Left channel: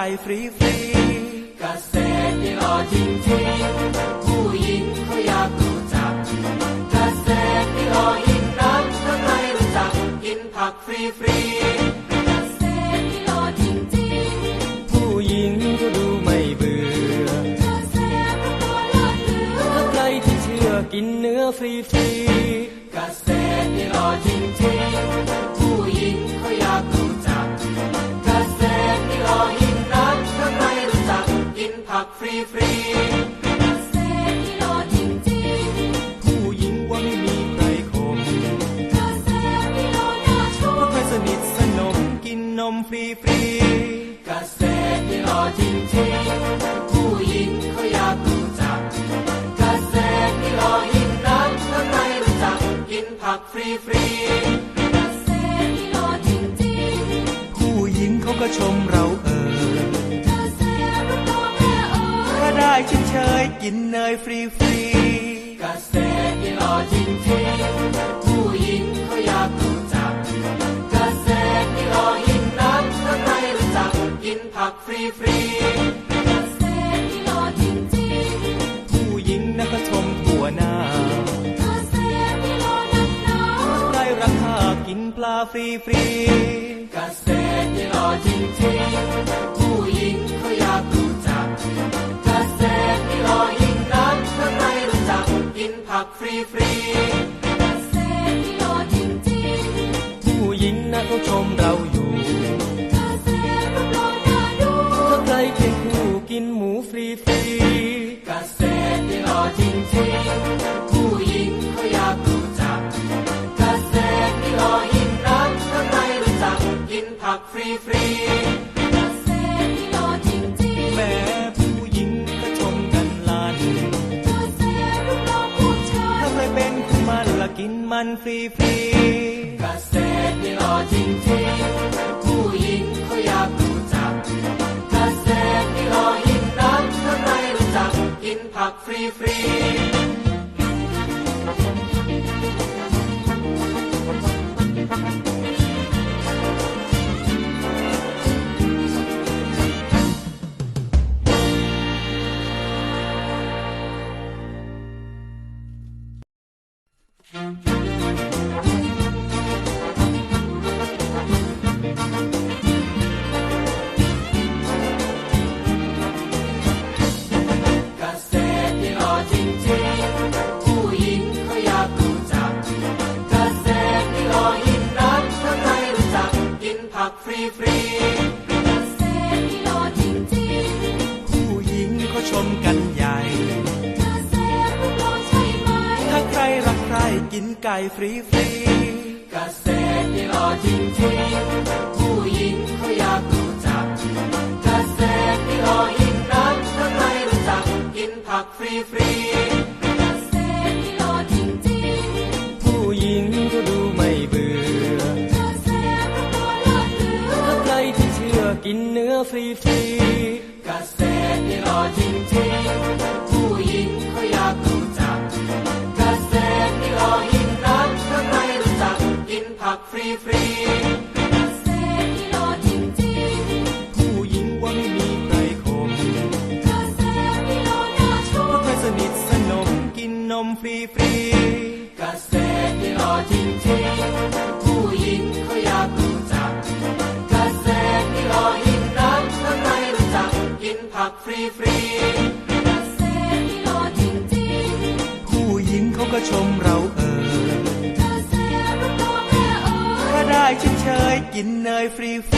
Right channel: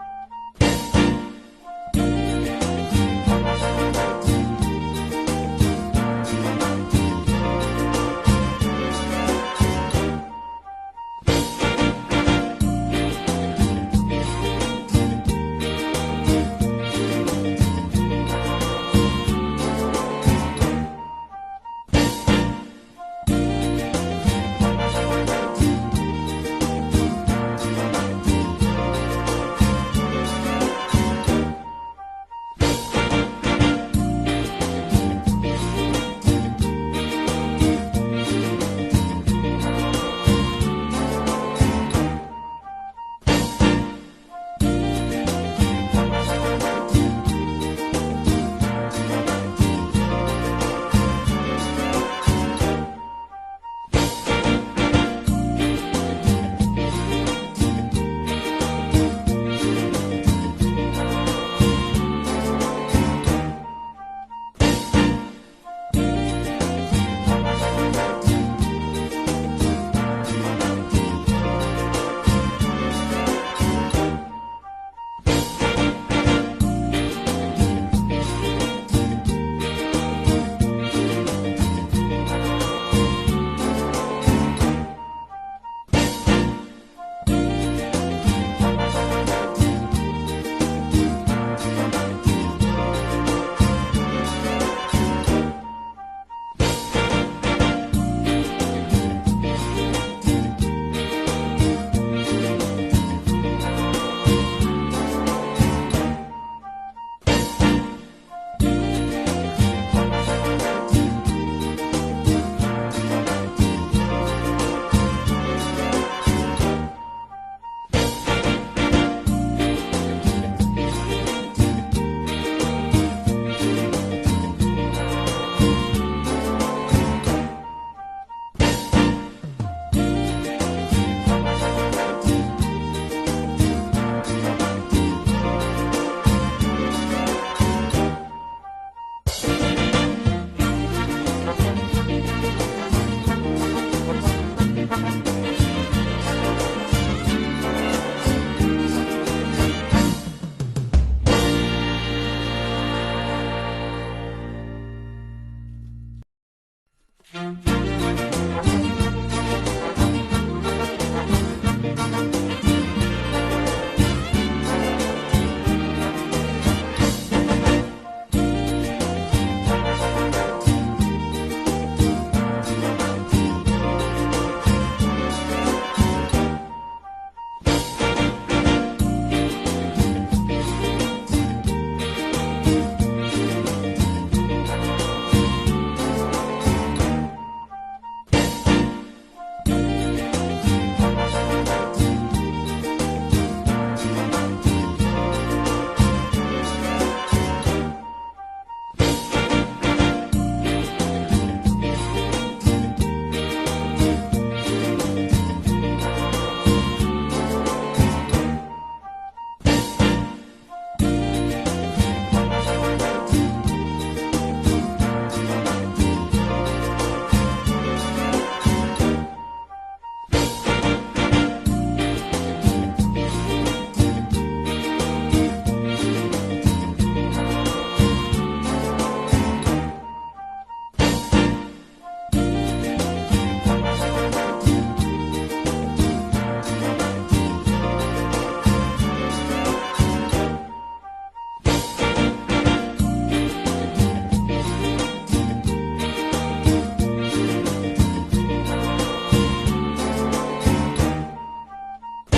ไก่ฟรีฟรีเกษตรนี่รอจริงจริงผู้หญิงเขาอยากรู้จักเกษตรนี่รอยิ่งนักถ้าใครรู้จักกินผักฟรีฟรี ฟรีผู้หญิงเขาก็ชมเราเออถ้าได้เฉยเฉยๆกินเนยฟรีฟรี นป ฟรีฟรีเกษตรนี่รอจริงจริงผู้หญิงเขาอยากรู้จักเกษตรนี่รอยิ่งนักถ้าใครรู้จักกินผักฟรีฟรี ฟรีฟรีเกษตรนี่รอจริงจริงผู้หญิงเขาอยากรู้จักเกษตรนี่รอยิ่งนักถ้าใครรู้จักกินผักฟรีฟรี ฟรีฟรีเกษตรนี่รอจริงจริงผู้หญิงเขาอยากรู้จักเกษตรนี่รอยิ่งนักถ้าใครรู้จักกินผักฟรีฟรีผู้หญิงเขาก็ชมเราเออถ้าได้เฉยเฉยๆกินเนยฟรีฟรี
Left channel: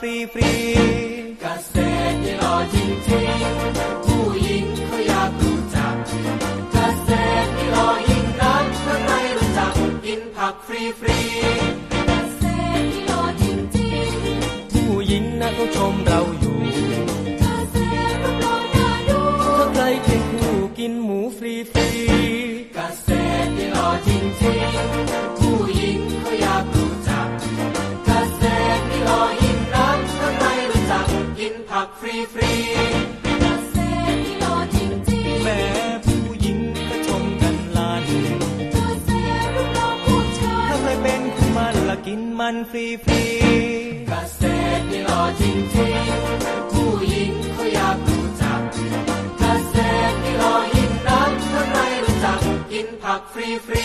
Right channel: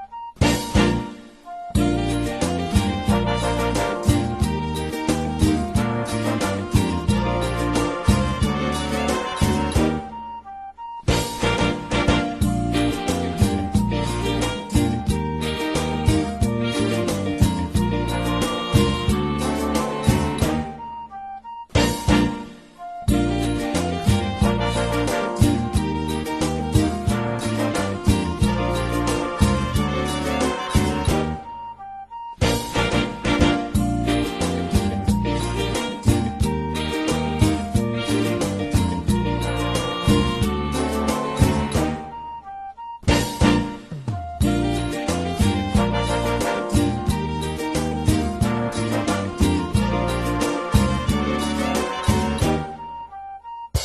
ฟรีฟรีเกษตรนี่รอจริงจริงผู้หญิงเขาอยากรู้จักเกษตรนี่รอยิ่งนักถ้าใครรู้จักกินผักฟรีฟรีเกษตรจะรอจริงจริงผู้หญิงนะเขาชมเรา ฟรีฟรีเกษนี่จริงจริงผู้หญิงก็อยากรู้จักเกษตรนี่ริงงนักถ้าใครู้จักกินผักฟรีฟรี